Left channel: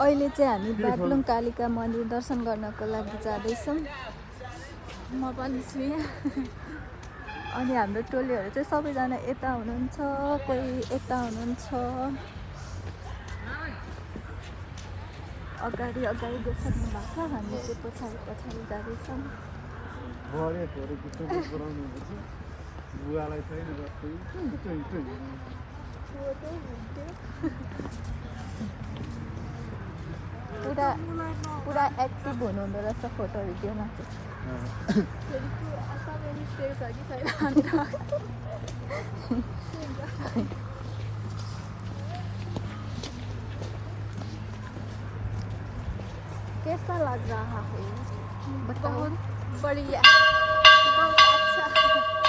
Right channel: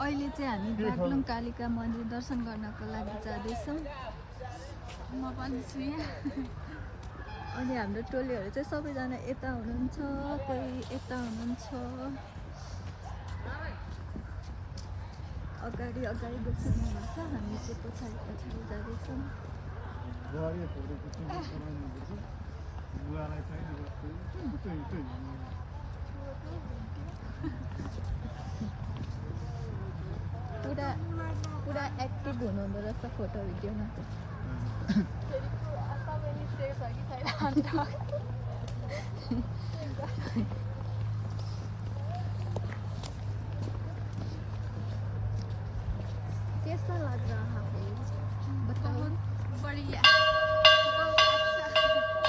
अहिले चाहिँ हामी बागलुङ कालिका मन्दिर दर्शन गर्नको लागि जाँदैछौँ म पनि छु यहाँ अनि हाम्रो टोलीहरू चाहिँ सबैजना यता हुनुहुन्छ कोही यता हुनुहुन्छ अगाडि देख्नु भएको छ हामी चाहिँ पछाडि जाँदैछौँ बुवालाई छैन पुरा एक्टिभ हुनुहुँदो रहेछ फोटो भिडियोमा फेरि असाध्यै सेभ छ कि छैन कैसा लग रहा है? बहुत बढ़िया, बहुत अच्छा।